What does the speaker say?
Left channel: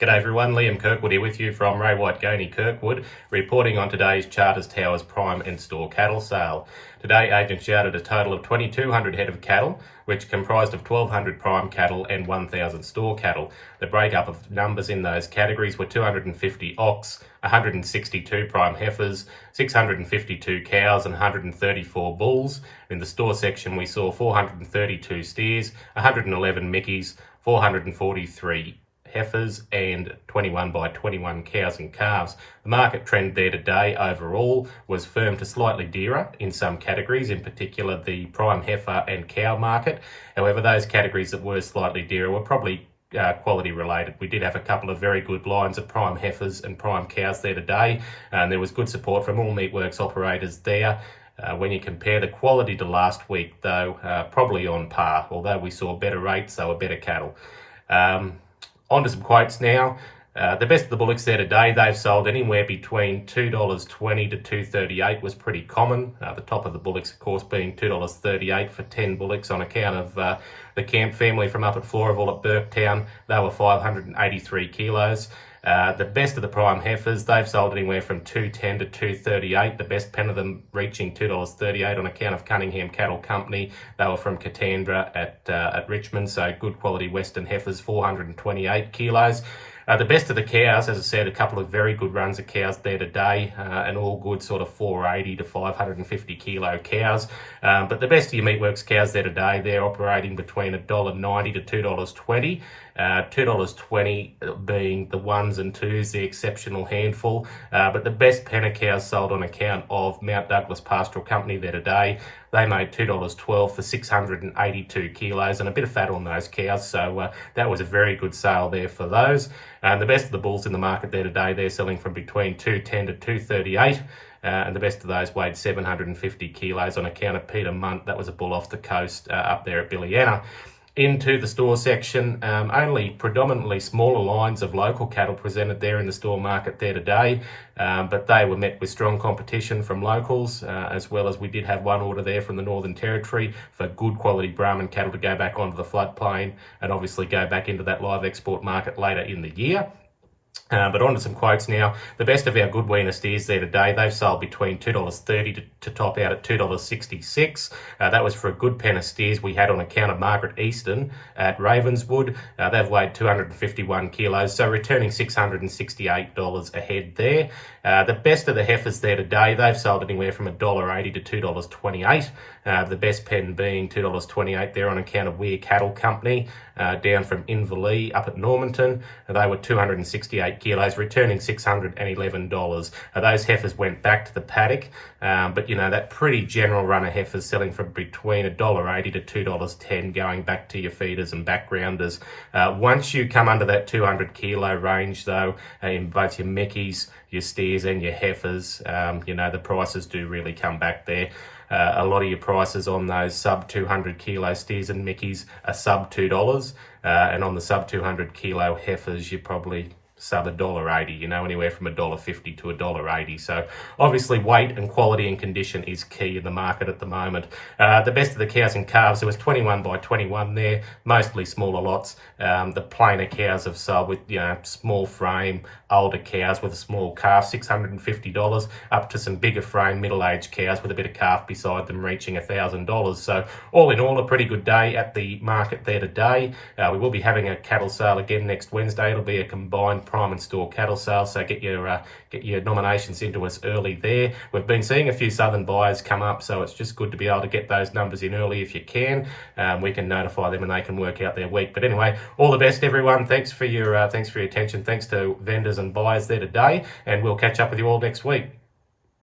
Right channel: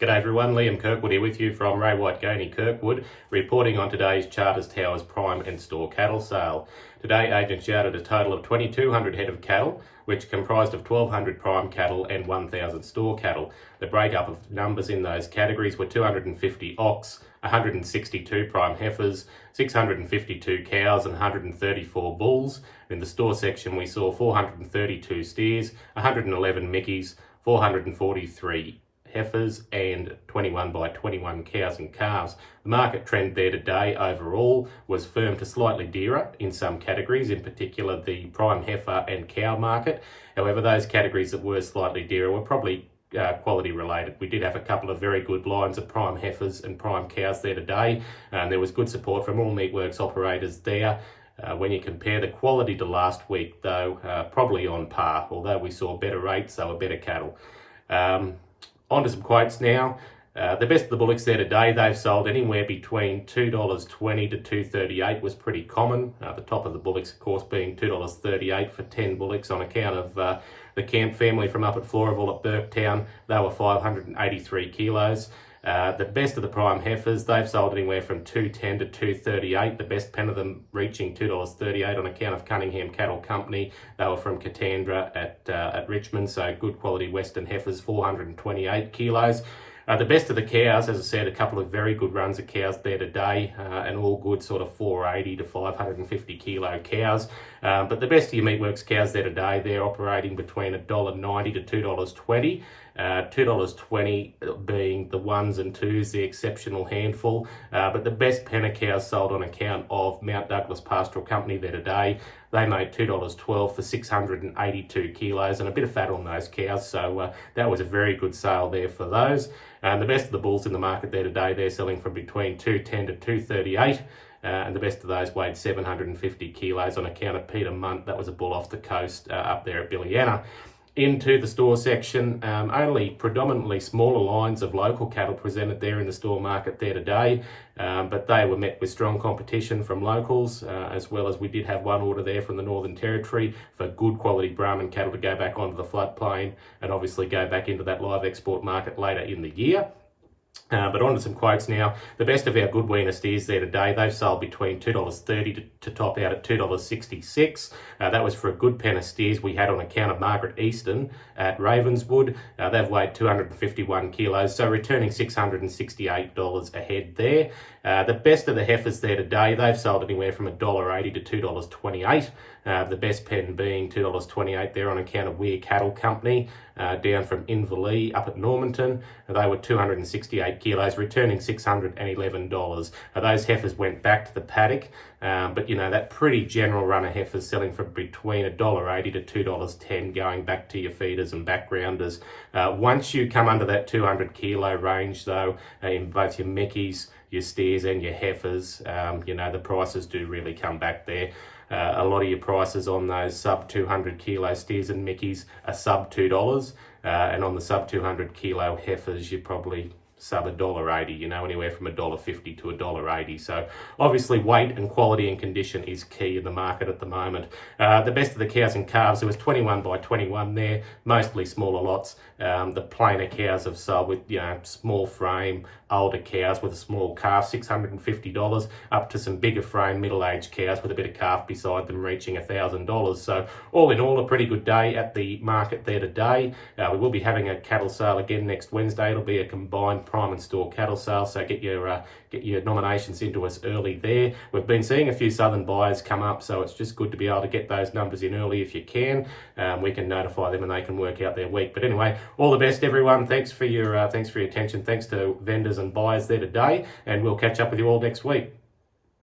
G'day everyone, Liam Kirkwood here with you from Ray White Gainey Kirkwood, reporting on today's Charters Towers Prime and Store cattle sale. Today, agents yarded a total of 2,200 head of cattle, which comprised of 1,200 prime cattle and 1,000 store cattle. The breakup of numbers in those categories were 250 ox, 162 prime heifers, 652 cows and 134 bulls. In the store section, we saw 432 steers, 111 mickeys, 443 heifers and 21 by 21 cows and calves. The market trend there today overall was firm to slightly dearer in some categories, in particular the prime heifer and cow market. However, those categories that were slightly dearer were probably quality related. We did have a couple of very good lines of prime heifers and prime cows there today, and there was good support from all meatworks operators there. When you compare the quality to last week though, probably on par, although we saw better rates, they were better cattle. On to some quotes now. The best of the bullocks there today, they've sold anywhere between $2.20 to $2.38 was pretty common. The top of the bullocks, of course, being $2.38 for 10 bullocks on account of the Camp family from up at Floraville at Burketown. They were 583 kilos. The best of the prime heifers, they've sold anywhere from $2.10 to $2.38. The best pen of them reaching $2.38 on account of Cunningham Cattle Company. They were from Katandra at Richmond, so good quality Western heifers, 428 kilos. The best of the cows, as I said, a couple of very good runs of cows there today, and all good sort of 480 to 550 kilo cows. But the best of your meatworks cows there today, they're operating between $1.90 to $2.20. $2.20 being the ones and twos, the exceptional handful. But the best pen of cows sold on account of Mount Douglas Pastoral Company there today. They made $2.12 for 682 kilos and a bit of fat on those cows. So that was a very good sale there for those. And the best of the bulls in the market there today, they're selling from between $2.10 to $2.38. And the best of those weighed 750 kilos on account of Peter Munt. That was a bull off the coast up there at Billiana. Into the store section, only predominantly smaller lines of local cattle presented there in the store market there today, but they were met with strong competition from locals, as well as we did have one order there from the Northern Territory for good quality Brahman cattle to go back onto the floodplain and obviously go back into that live export market later in the year. But on to some quotes now. The best of our good weaner steers there today, they've sold between $2.30 to top out at $2.66. That was for a good pen of steers we had on account of Margaret Easton at Ravenswood. They've weighed 251 kilos, so returning $668 a head there. The best of the heifers there today, they've sold anywhere from $1.80 to $2.28. The best pen being $2.28 there on account of Weir Cattle Company, down from Inverleigh up at Normanton. They were 268 kilos, returning $611. Those heifers went back to the paddock, but you know, that pretty general run of heifers selling from between $1.80 to $2.10 going back to your feeders and backgrounders. Once you come under that 200 kilo range though, in both your mickeys, your steers and your heifers, you know, the prices do really come back there. A lot of your prices on those sub 200 kilo steers and mickeys are sub $2, and on the sub 200 kilo heifers, you're probably sub $1.80, you know, anywhere from $1.50 to $1.80. So obviously weight and quality and condition is key in the market at the moment. The best of the cows and calves, there was 21 by 21 there, mostly smaller lots. The plainer cows have sold with, you know, small frame, older cows with a small calf, $650, up to some bigger frame, middle-aged cows with a bit of calf beside them reaching $1,000. So all in all, a pretty good day at the market there today. We will be having a cattle sale again next Wednesday. It'll be a combined prime and store cattle sale, so get your nominations into us early there. We've been seeing a few southern buyers come up, so it's just good to be able to get those numbers in early if you can. We can notify them and they can work out their week. But anyway, all the best everyone. Thanks for your attention. Thanks to vendors and buyers there today, and we'll catch up with you all next week.